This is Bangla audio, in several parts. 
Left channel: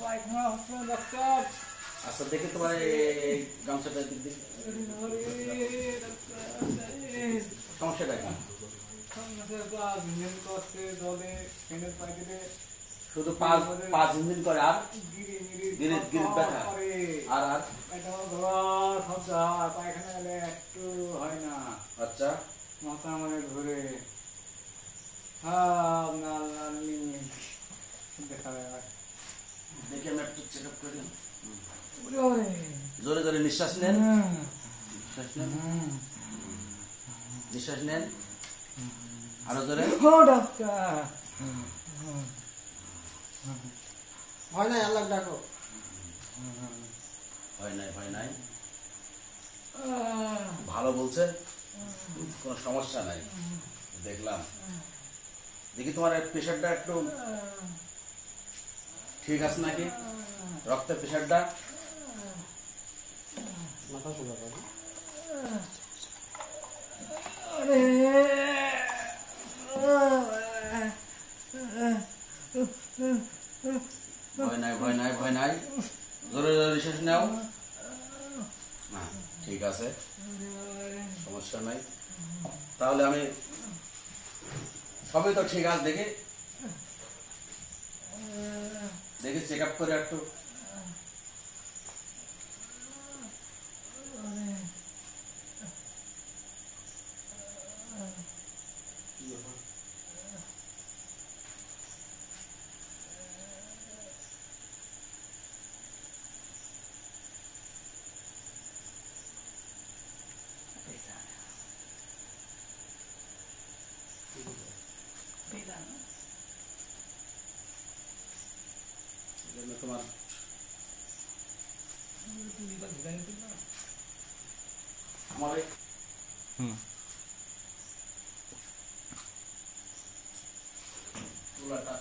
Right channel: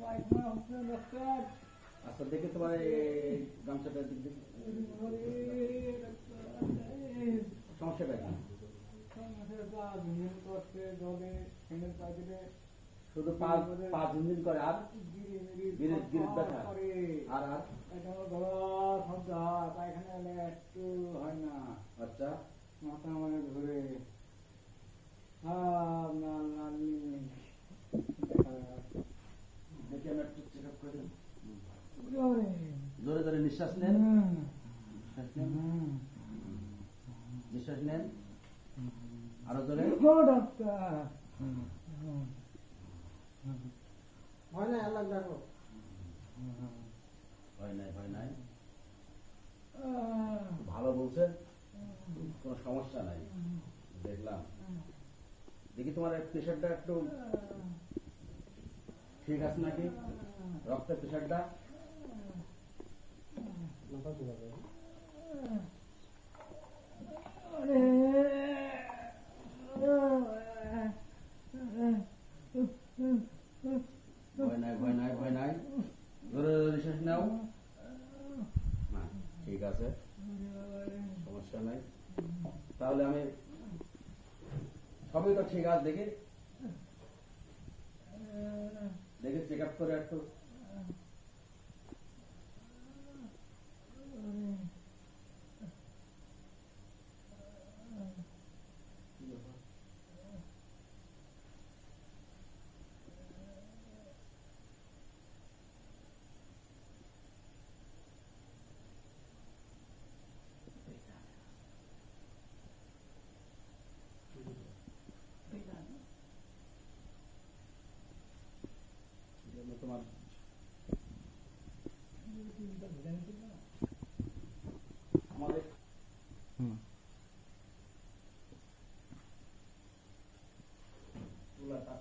পায়খানা হচ্ছে না ডাক্তার। আচ্ছা দেখি তোমার এই গামছাটা দিক দিক সমস্যাটা কি? শুধু পাঁচ ইঞ্জিন করে আর গিরিট ব্যথা আর আর পায়খানা গেলে একটু হয় না। আচ্ছা মাথা মানে ঘুরে দেখি আমি একটু চেক আপ করি। জোরে জোরে নিঃশ্বাস নেন, নিঃশ্বাস নেন, নিঃশ্বাস নেন, আরো জোরে। ভয় নাই, আল্লাহ ডাকো। ভয় নাই, ভয় নাই, ভালো বলছে, কোনো সমস্যা নাই। দেখলাম, দেখি তোমার প্রেশারটা একটু ঠিক আছে নাকি, রক্তের প্রেশারটা। ভয় নাই, ভয় নাই, ভয় নাই, জোরে জোরে নিঃশ্বাস নাও। না ঠিক আছে, সমস্যা নাই। তাহলে আমি সবই তো ঠিক আছে, দেখি দেখি চেক আপ করে একটু। তোমার আমার তুলাটা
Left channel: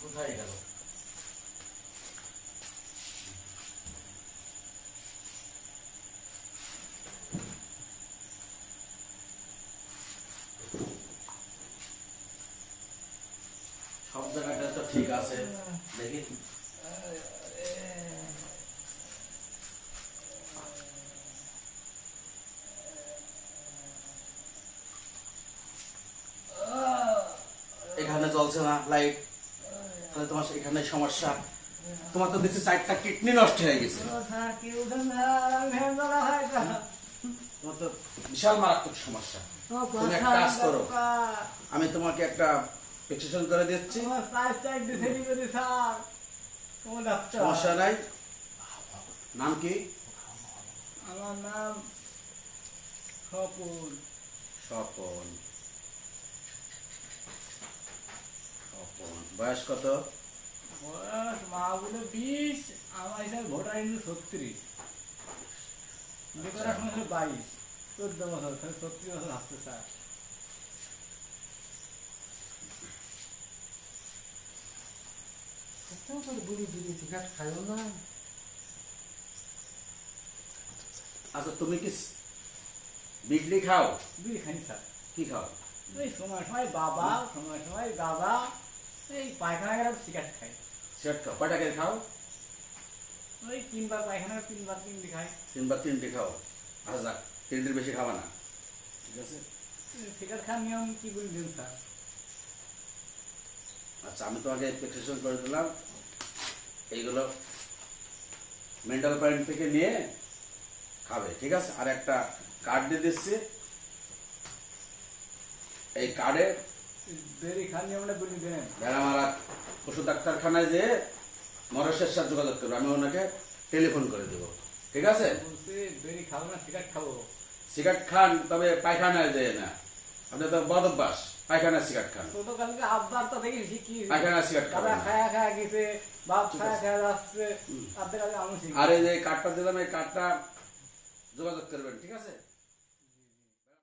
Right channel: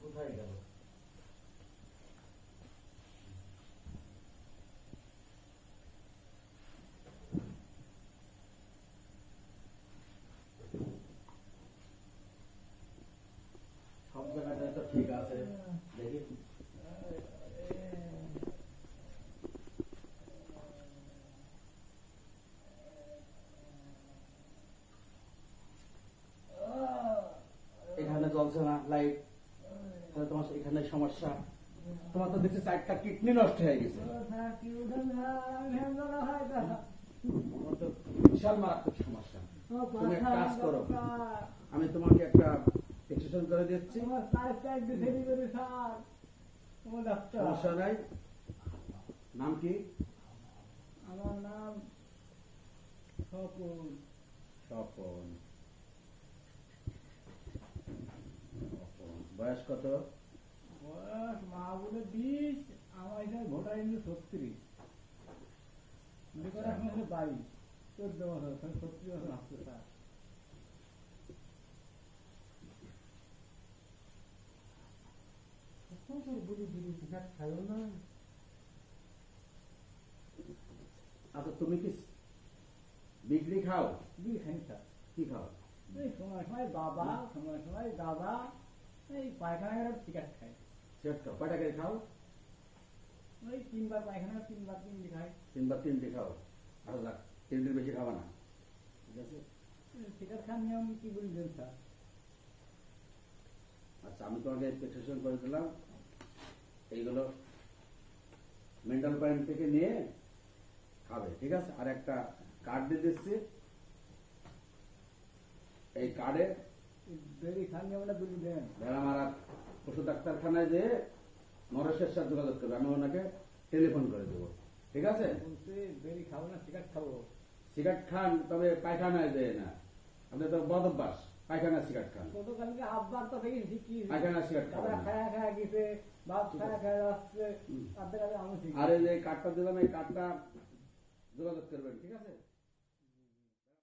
কোথায় গেল? সব জায়গাটা তো ঠিক আছে, দেখি এখানে জ্বলছে না লাইট, তাহলে তোমার এখানে সমস্যা। তোমার তো দেখছি 4টা কিডনি নষ্ট হয়ে গেছে, তোমার তো বিশাল মারাত্মক সমস্যা। তুমি এক কাজ করো, আমি তোমাকে একটা প্রেসক্রিপশন করে দিচ্ছি, সমস্যা নাই। নাম কি? আমার নাম স্বপন। স্বপন, স্বপন, বয়স কত? বয়স মা বলে 20, আমার হিসাবে ভোটার আইডি 36, করার সময় ছিল 22, 14 বছর, 36 বছর আসছে স্যার। আচ্ছা তুমি কি বিড়ি খাও? বিড়ি খাই স্যার। কি খাও? এই সময় সময় বাবা, সময় সময় দাদা, এই পায়খানা গেলে সিগারেট খাই। সিগারেট খাও? কয়টা করে খাও? ওই 3বার পায়খানা, 3বার 3টি খাই। 3বার 3টে খাও? আচ্ছা যাক, 3টির বেশি খাবা না, ঠিক আছে? সিগারেট খাওয়ার নিয়ম কি বললেন স্যার? আচ্ছা আমি তোমাকে প্রেসক্রিপশন করে দিলাম, এইগুলো মেন্টাল পয়েন্ট থেকে নিয়ে খাবে, ঠিক আছে? আর একটা কার্ড দিয়ে দিচ্ছি, এই কার্ডে বেরি খাওয়ার নিয়মটা বলে দেন। ভেড়ামারা পশু ডাক্তারখানায় যেয়ে নরেশের সাথে যোগাযোগ করবে, আমি ওনাকে টেলিফোন করে দেবো, ঠিক আছে? বলছে বেরি খাবো না, সিগারেট খাবো। সিগারেট খান, তবে পায়খানায় যেয়ে না, আপনি তো বদ অভ্যাস, পায়খানায় সিগারেট খান। ছোটকালকে আব্বার তো দেখি শিখি, পায়খানায় সিগারেট খাবেন দাদা না। খায়া খায়া গেছে, বাপ খায়া খায়া যাচ্ছে, তাদের কাছে আমি শিখি। আর এই যে কার্ডটা দিলাম, এই কার্ডটা যোগাযোগ করবেন, ঠিক আছে?